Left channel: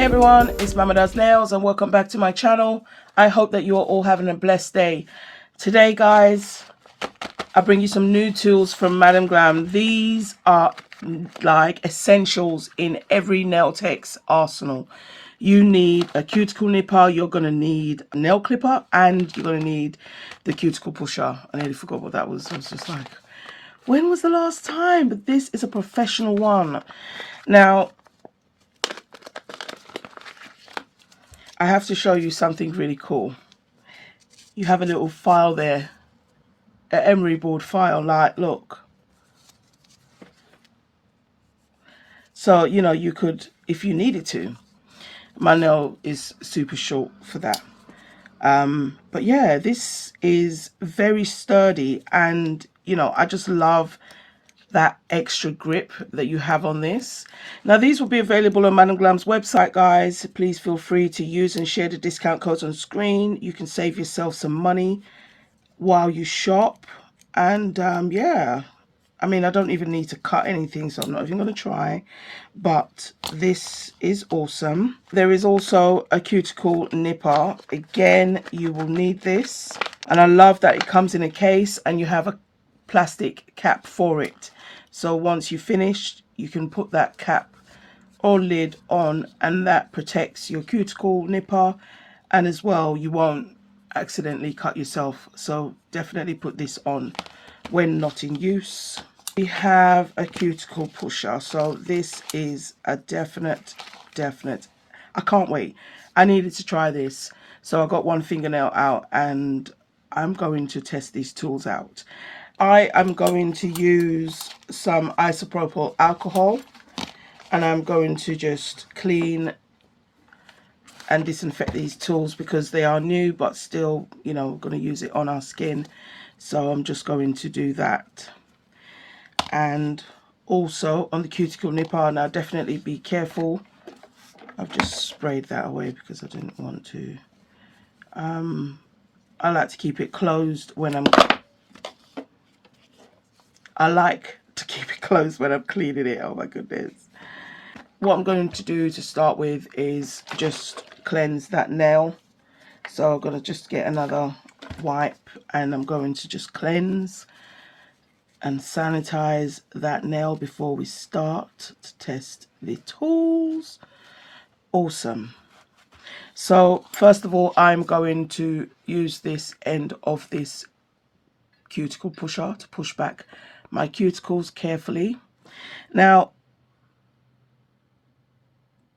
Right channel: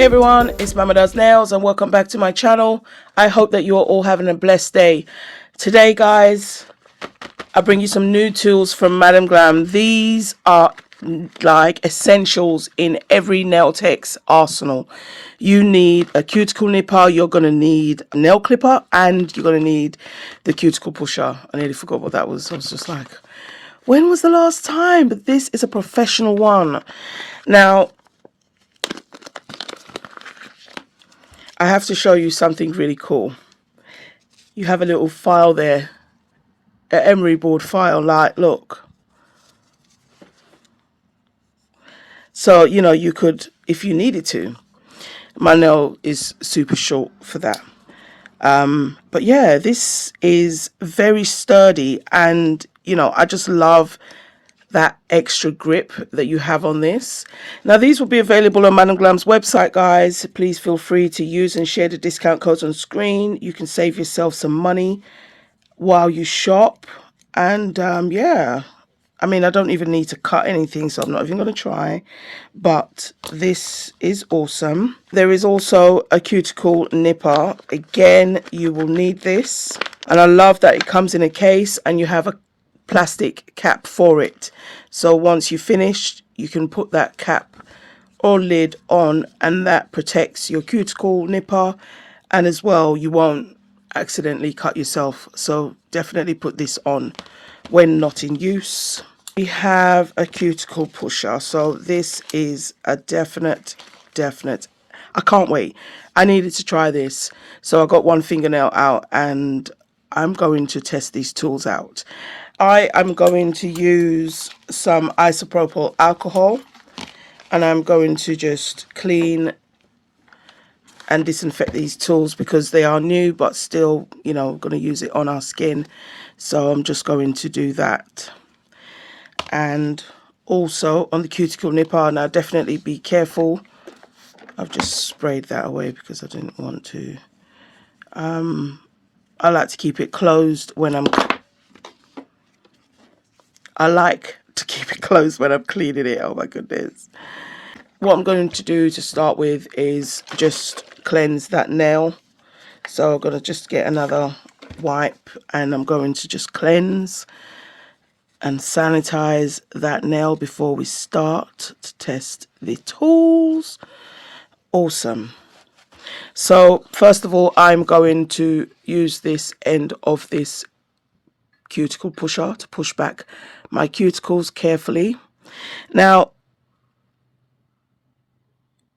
Hey everyone, it's Mama Does Nails and welcome back to my channel. I hope that you're all having a blessed day. Today guys, I bring you some new tools from Madam Glam. These are like essentials in every nail tech's arsenal. You need a cuticle nipper, you're going to need a nail clipper, and you're going to need the cuticle pusher. I nearly forgot what that was. I was just like, when was the last time? But this is a professional one. Now, I have to show you something really cool. You have a little file there, an emery board file, like, look. So, you know, you could, if you needed to. My nail is super short for that. But yeah, this is very sturdy and, you know, I just love that extra grip that you have on this. Now these will be available on Madam Glam's website, guys. Please feel free to use and share the discount codes on screen. You can save yourself some money while you shop. And yeah, I mean, I don't even need to cut anything, so I'm not even going to try. But this is awesome. There is also a cuticle nipper. Again, you will need this. And I love that it comes in a case and you have a plastic cap for it. So once you've finished, you can put that cap or lid on and that protects your cuticle nipper, and as well you won't accidentally cut yourself. So definitely put this on when not in use. We have a cuticle pusher, so this is a definite I can't wait. I needed to try this, so I got one fingernail out and I'm going to test these tools out. I am going to use some isopropyl alcohol and I'm going to just clean and disinfect these tools because they are new, but still, you know, going to use it on our skin. So I'm just going to do that. And also on the cuticle nipper, now definitely be careful. I've just sprayed that away because I didn't want to. I like to keep it closed when I'm cleaning it. Oh my goodness. What I'm going to do to start with is just cleanse that nail. So I'm going to just get another wipe and I'm going to just cleanse and sanitize that nail before we start to test the tools. Awesome. So first of all, I'm going to use this end of this cuticle pusher to push back my cuticles carefully. Now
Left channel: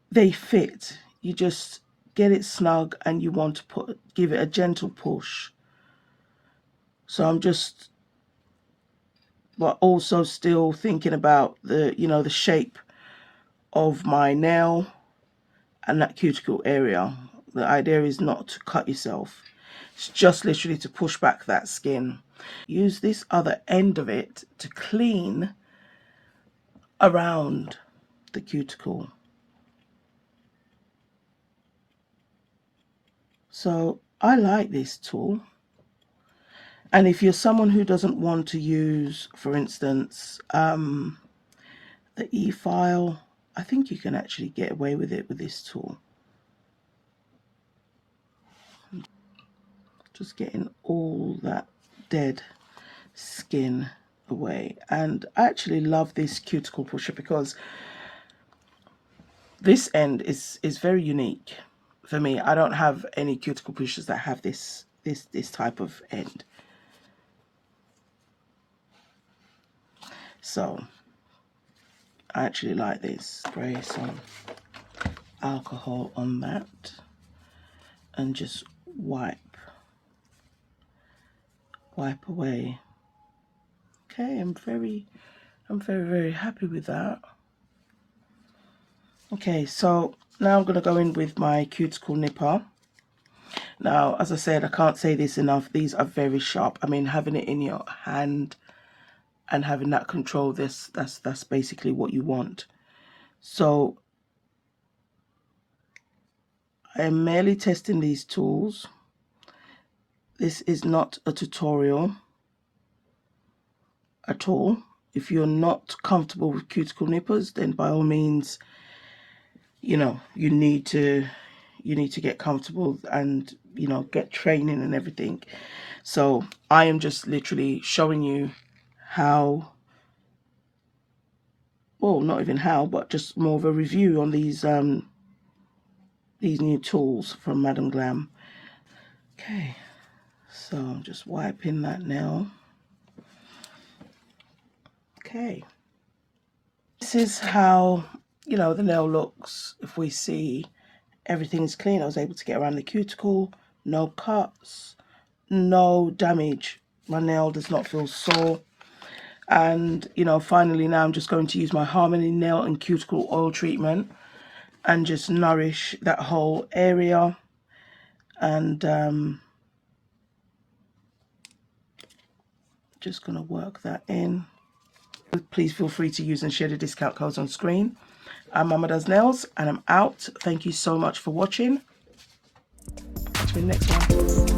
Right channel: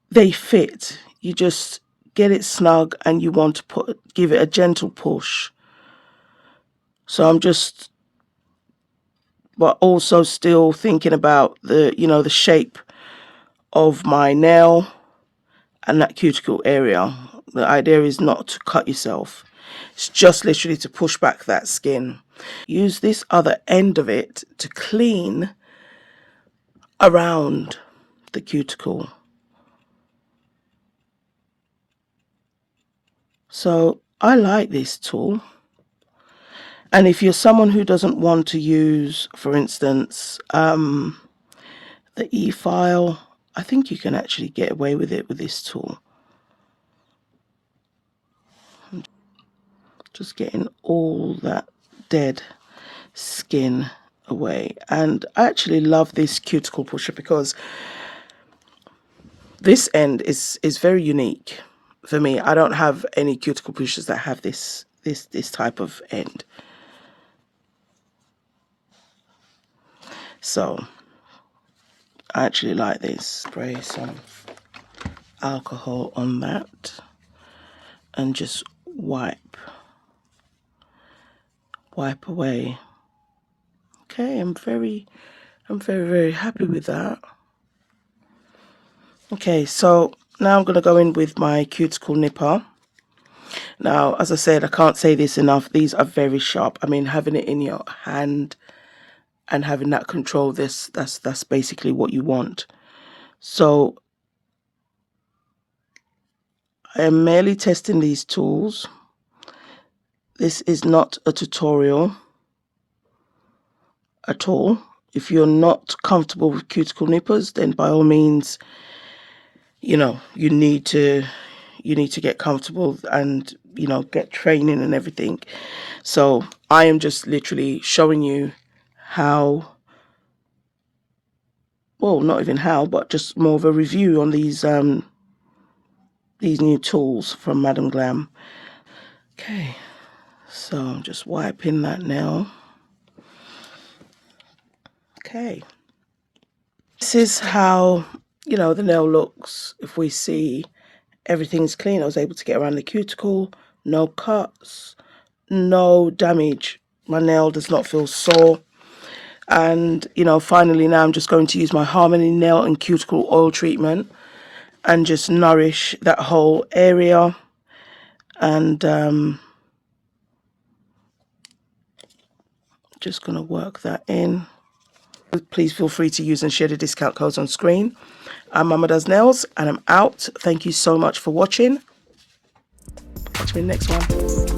they fit, you just get it snug and you want to give it a gentle push. So I'm just, but also still thinking about the, you know, the shape of my nail and that cuticle area. The idea is not to cut yourself. It's just literally to push back that skin. Use this other end of it to clean around the cuticle. So I like this tool. And if you're someone who doesn't want to use, for instance, the e-file, I think you can actually get away with it with this tool. Just getting all that dead skin away. And I actually love this cuticle pusher because this end is very unique for me. I don't have any cuticle pushers that have this type of end. So I actually like this. Spray some alcohol on that and just wipe away. Okay, I'm very happy with that. Okay, so now I'm going to go in with my cuticle nipper. Now, as I said, I can't say this enough, these are very sharp. I mean, having it in your hand and having that control, that's basically what you want. So I am merely testing these tools. This is not a tutorial at all. If you're not comfortable with cuticle nippers, then by all means, you know, you need to get comfortable and, you know, get training and everything. So I am just literally showing you how, well, not even how, but just more of a review on these new tools from Madam Glam. Okay, so I'm just wiping that now. Okay, this is how, you know, the nail looks. If we see everything's clean, I was able to get around the cuticle, no cuts, no damage. My nail does not feel sore. And, you know, finally now I'm just going to use my Harmony nail and cuticle oil treatment and just nourish that whole area. And just going to work that in. Please feel free to use and share the discount codes on screen. I'm Mama Does Nails and I'm out. Thank you so much for watching. Catch me in the next one.